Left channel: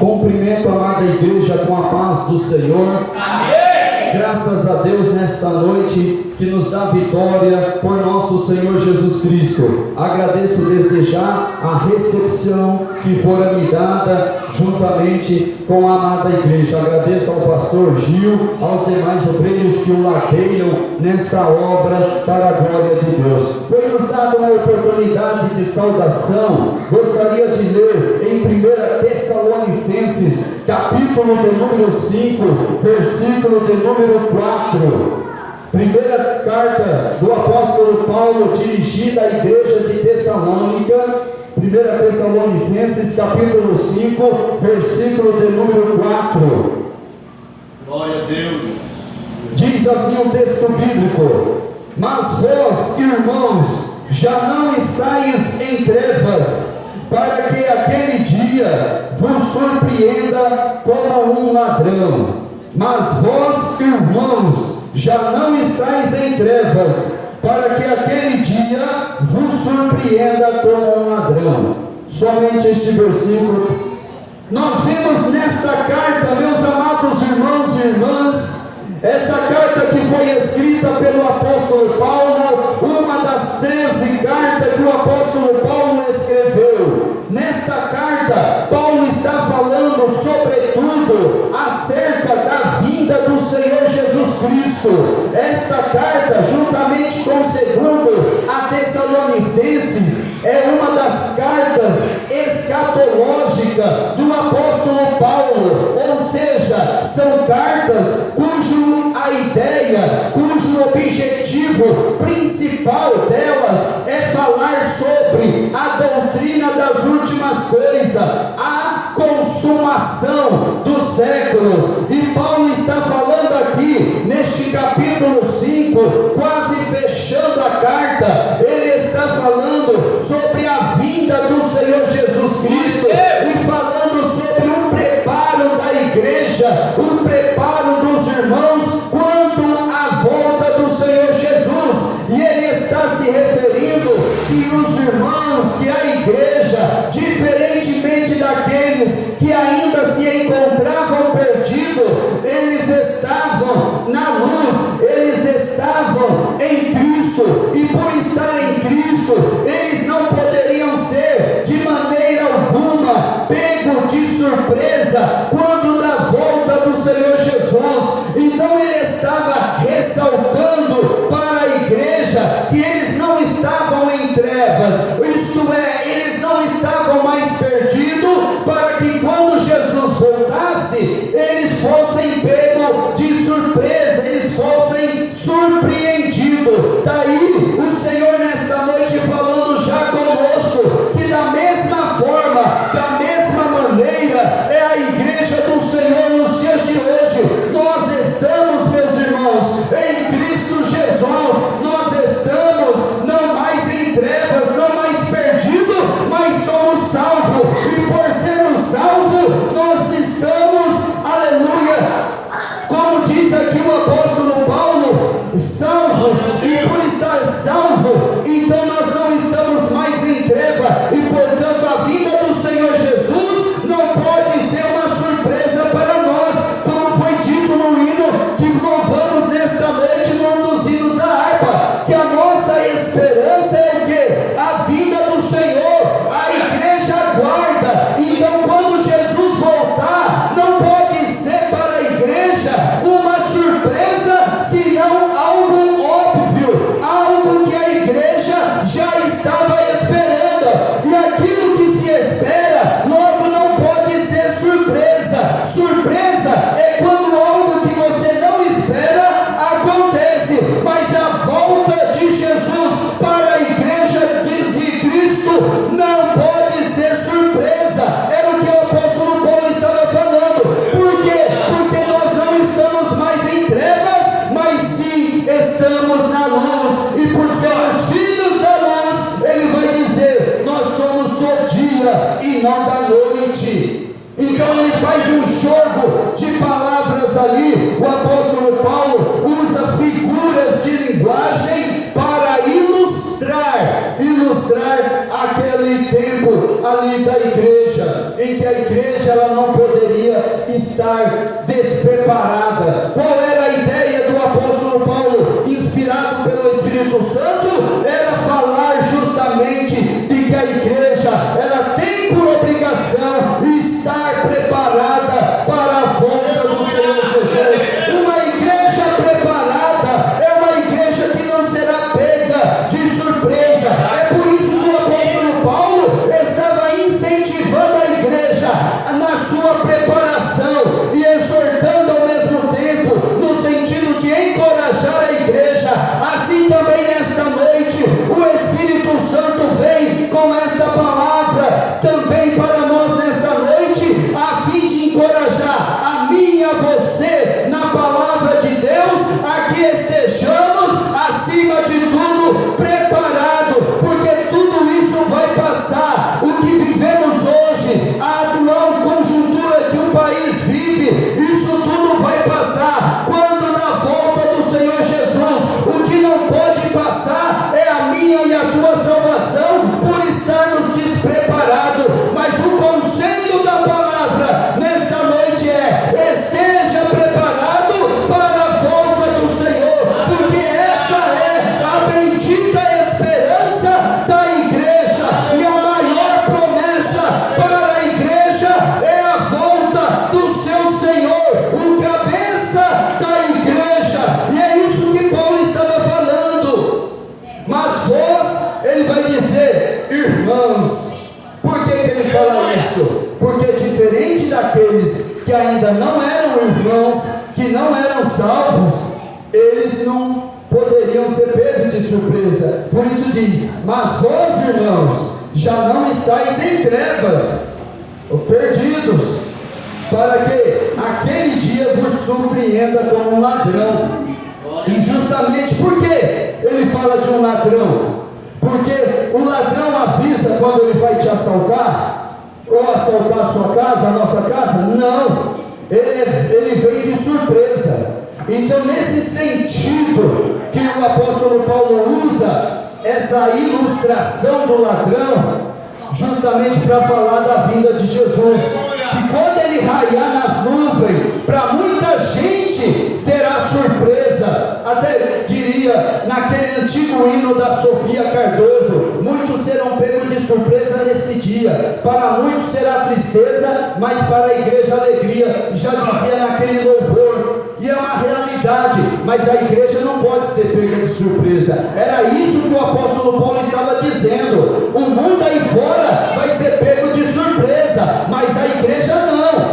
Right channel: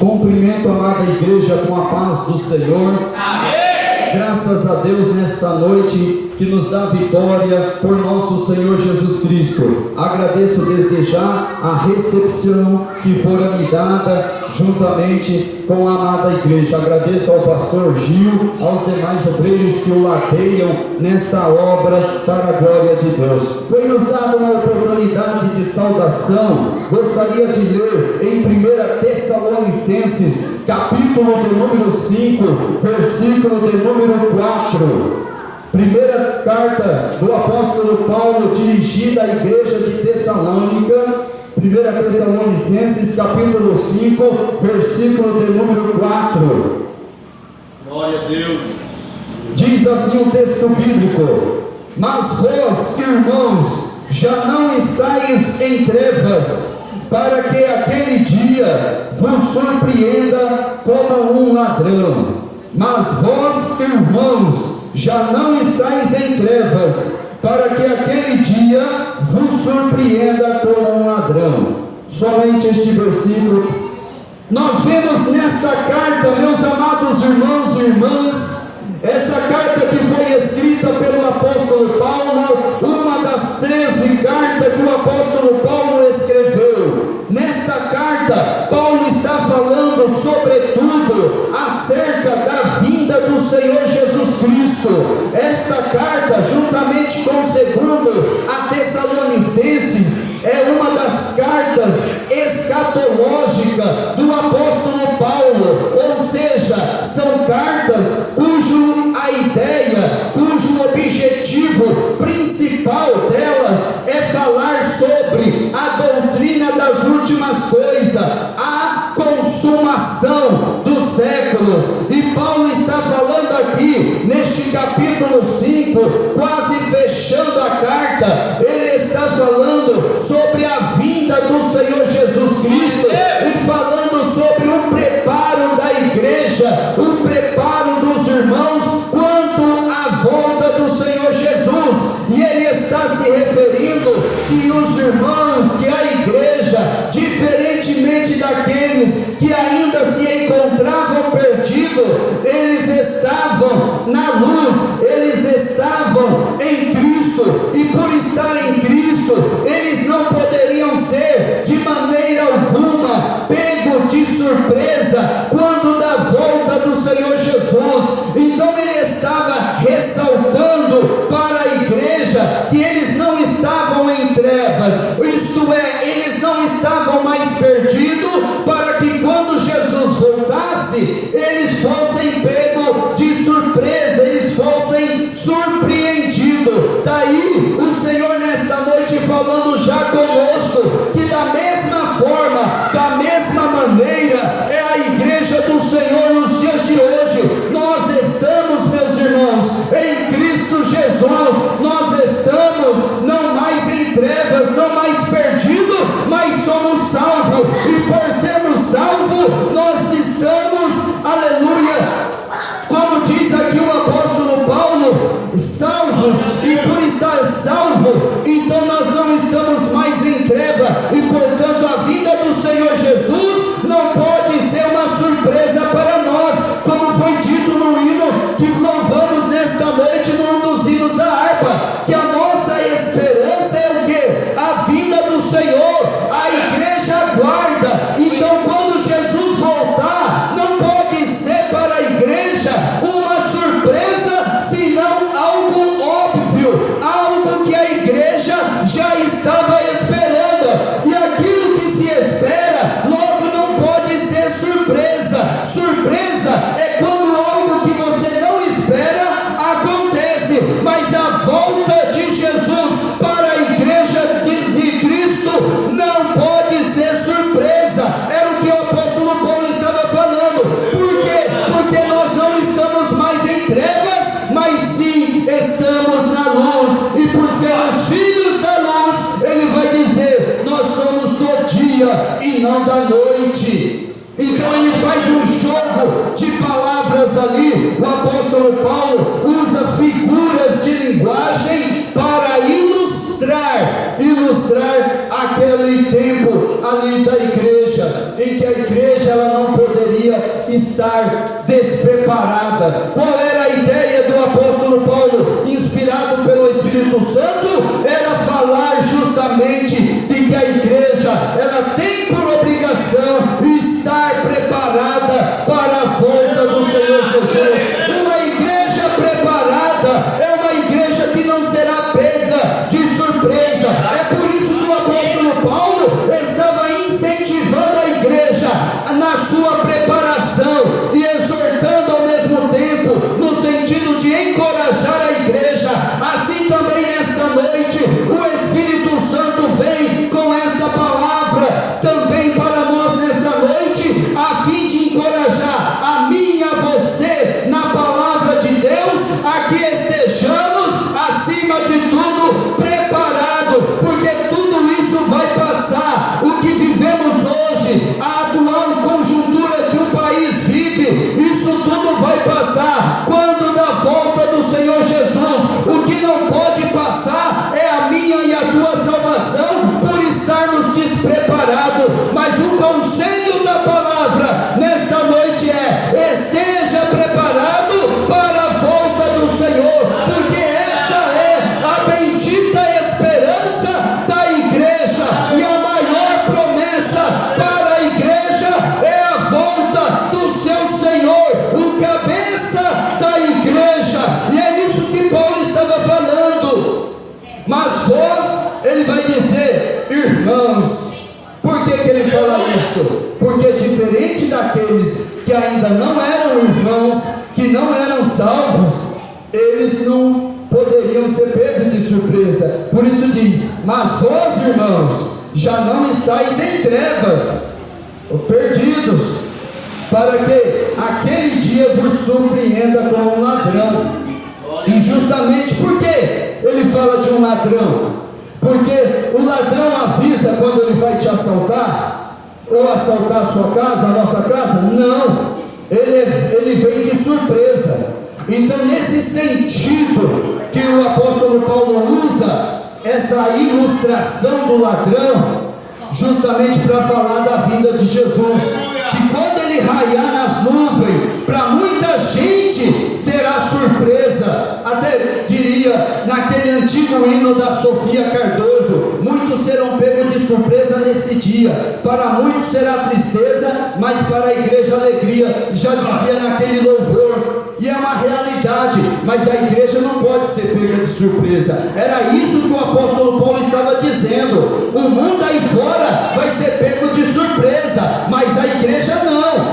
Cumprimento a amada igreja com a paz do Senhor. Amém. Graças a Deus nesta noite que nos dá vitória por nosso Senhor Jesus Cristo. Agradeço desde já a recepção que fora me dada juntamente com a amada igreja. Agradeço ao pastor Gil, aos demais obreiros que o ladeiam nesta obra para a glória de Deus. Foi nos dada uma oportunidade de saudação. Gostaria de ler em 1 Tessalonicenses, capítulo de número 5, versículo de número 4. Primeira carta do apóstolo Paulo dirigida à igreja de Tessalônica, 1 Tessalonicenses capítulo 5, versículo de número 4. Glória a Deus. Diz assim o texto bíblico: mas vós, irmãos, já não estáis em trevas, para que aquele dia vos surpreenda como um ladrão. Mas vós, irmãos, já não estáis em trevas, para que aquele dia vos surpreenda como um ladrão. Somente este versículo. Nós vemos nesta carta, meus amados irmãos e irmãs, essa carta que foi escrita pelo apóstolo Paulo, uma das 13 cartas que o apóstolo Paulo escreveu. Nesta carta, Paulo está falando sobretudo acerca da vinda do Senhor Jesus Cristo. Esta carta, juntamente com o segundo a Tessalonicenses, é uma das cartas escatológicas do apóstolo Paulo, ou seja, são cartas cujo objetivo principal delas é falar sobre a doutrina das últimas coisas, a consumação dos séculos. E Paulo está falando aqui, neste capítulo 5, quase fechando a carta, ele está falando sobre a vinda do Senhor Jesus Cristo, e falando sobre o preparo da igreja, o preparo dos irmãos quanto à volta do Senhor Jesus. E ele está se referindo que os irmãos, que a igreja, diferentemente daqueles que ainda se encontravam perdidos, eles estavam na luz, eles estavam em Cristo, e por estar em Cristo, eles não poderiam ser de maneira alguma pego de surpresa quando da volta do Senhor Jesus. Então ele estava ressaltando para a igreja que eles não estavam em trevas, isto é, eles não estavam mais perdidos, para que quando Jesus voltasse, eles fossem pegos de surpresa, eles fossem surpreendidos. Daí o Senhor nesta noite falando já conosco, que da mesma forma, da mesma maneira, é a igreja do Senhor nos dias de hoje. Nós estamos, meus irmãos, em Cristo Jesus. Nós estamos não mais em trevas, não mais perdidos, mas somos salvos, e por sermos salvos, nós estamos, aleluia, como diz aqui o apóstolo Paulo, salvos, e por estar salvo, então nós não estamos mais em treva, e portanto a vinda do Senhor Jesus não pode ser uma surpresa para nós, como foi dito no hino que louvamos nesta noite, num dos hinos da harpa, que a nossa esperança é o quê? A vinda do Senhor. A igreja aguarda. Então quando Jesus voltar, não pode ser para a igreja uma surpresa, senão algo óbvio, algo que a igreja já estava esperando, e aquilo que se espera logo não pode ser surpresa. Surpresa é quando algo que você não espera acontece, mas a volta de Jesus para a igreja de Cristo não pode ser surpresa. Era o que o apóstolo Paulo estava falando. Por quê? Porque nós não estamos mais em trevas, mas sim estamos na luz, e por sermos filhos da luz, ele vai dizer, nós somos do dia e não da noite. Então ele faz um jogo de palavras ali. O apóstolo Paulo usa figuras de linguagem para ilustrar aquele tempo ali da igreja, em que a igreja ela não poderia estar despreparada. Qual era a ideia do apóstolo Paulo, inspirado pelo Espírito Santo? Era falar justamente de que a igreja, ela tem por obrigação estar preparada para a volta do Senhor Jesus. Uma igreja preparada é uma igreja que não será pega de surpresa. É por isso que o apóstolo Paulo estava incentivando a igreja na sua preparação e exortando ao mesmo tempo, no sentido de encorajar a igreja. Assim também nesta noite o Espírito Santo vem com esta palavra também para nós nessa noite, a fim de encorajar a mim e a você na palavra de Deus, a que estejamos acima de tudo preparados, porque tudo isso vai passar. O que vivemos hoje, a atual conjuntura que o país vive, isso tudo vai passar quando na volta do Senhor Jesus. O que não pode passar é a minha e a tua salvação por estarmos despreparados. Mas o conselho da palavra nesta noite é: esteja preparado para a volta do Senhor, porque essa é a bendita esperança da igreja, e a maior promessa para a igreja é a volta do seu Senhor, o cabeça da igreja. E é isso que Paulo estava falando. Mas vós, ele vai dizer, irmãos. Por que ele fala isso? Porque diferente daqueles que ainda não eram irmãos, que não eram salvos, eles não poderiam ser pegos de surpresa. Por isso diz: mas vós, irmãos, já não estáis em trevas, ou perdidos, para que aquele dia vos surpreenda como um ladrão. E justamente porque ele fala de um ladrão, porque o ladrão avisa quando ele vai te assaltar, ou assaltar a sua casa, a nossa casa? Não, ele vem de surpresa. Então, nesse sentido que o apóstolo Paulo usa essa ilustração do ladrão, justamente para falar da vinda de Jesus, que quando ele raiar nas nuvens, para muita gente será surpresa. Até diria, naquele antigo hino da Sofia Cardoso, muitos serão pegos de surpresa nesse dia. Para muitos será tristeza, mas para a igreja alegria. Já dizia naquele louvor. E é uma realidade, mas a igreja não pode ser pega de surpresa. Era isso que o apóstolo Paulo estava dizendo. O mundo aí fora vai ser pego de surpresa, mas a igreja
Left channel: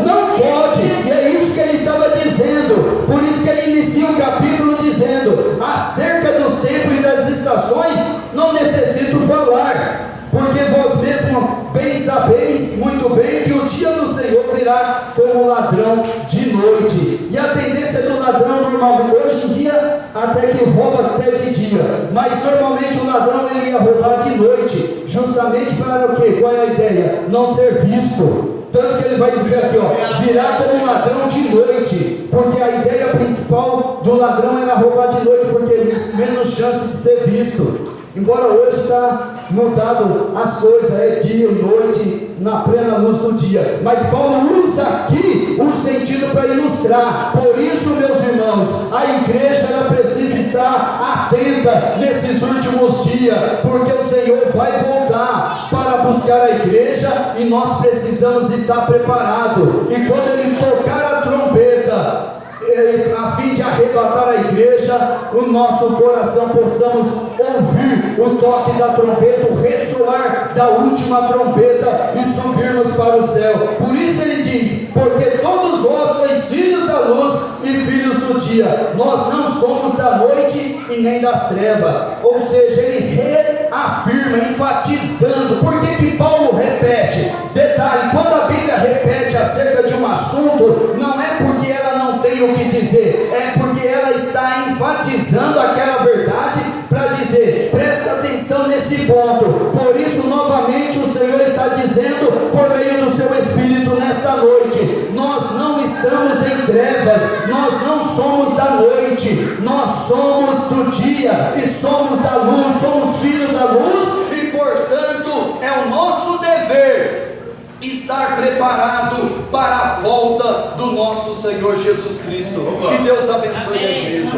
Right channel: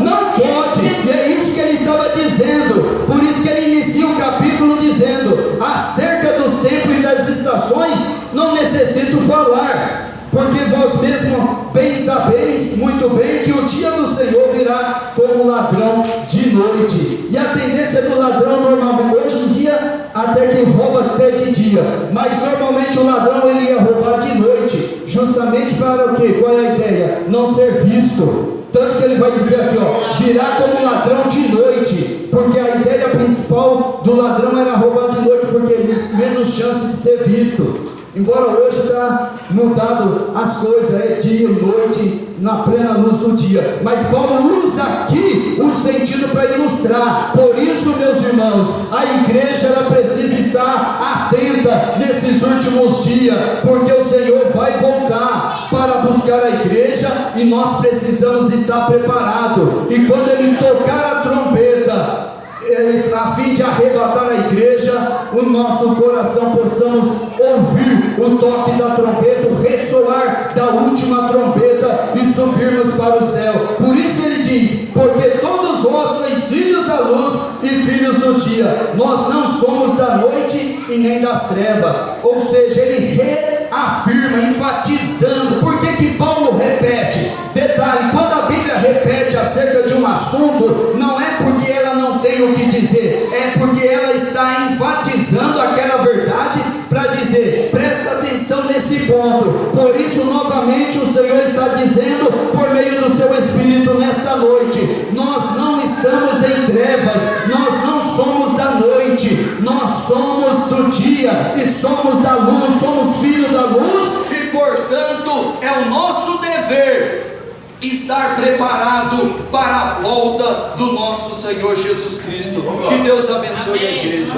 não pode. E é isso que ele estava dizendo. Por isso que ele inicia o capítulo dizendo: acerca dos tempos e das estações não necessito falar, porque vós mesmo bem sabeis muito bem que o dia do Senhor virá como ladrão de noite. E a tendência do ladrão normalmente, hoje em dia, até que rouba até de dia, mas normalmente o ladrão ele ia roubar de noite, justamente para o quê? Qual é a ideia? Não ser visto. Tanto que ele vai dizer aqui, virá como ladrão de noite, porque a ideia principal do ladrão era roubar de noite, porque menos chance de ser visto. Embora hoje está mudado as coisas, é dia e noite, na plena luz do dia. Mas Paulo usa aqui o sentido para ilustrar. Por isso, meus irmãos, a igreja ela precisa estar atenta nesses últimos dias, porque o Senhor vai voltar para buscar a igreja e nós precisamos estar preparados. E quando ele tocar a trombeta, a fim de arrebatar a igreja, o nosso coração possamos ouvir o toque da trombeta, o ressoar da última trombeta e subirmos para o céu. Por isso ele diz: porque todos vós sois filhos da luz e filhos do dia, nós não somos da noite e nem das trevas. Ou seja, ele reafirma, enfatizando. Por que Paulo repete? Detalhe: quando a Bíblia repete acerca de um assunto, não é porque ela não tem o que dizer, é porque ela está enfatizando aquela verdade para dizer: presta atenção nesse ponto. Por isso, novamente, o Senhor está dizendo por meio do seu Espírito nesta noite: nós não estamos em trevas, nós não somos da noite, nós somos do dia e somos da luz, somos filhos da luz, e portanto é o nosso dever estar preparado para a volta do nosso Senhor Jesus Cristo. Que Deus abençoe a igreja.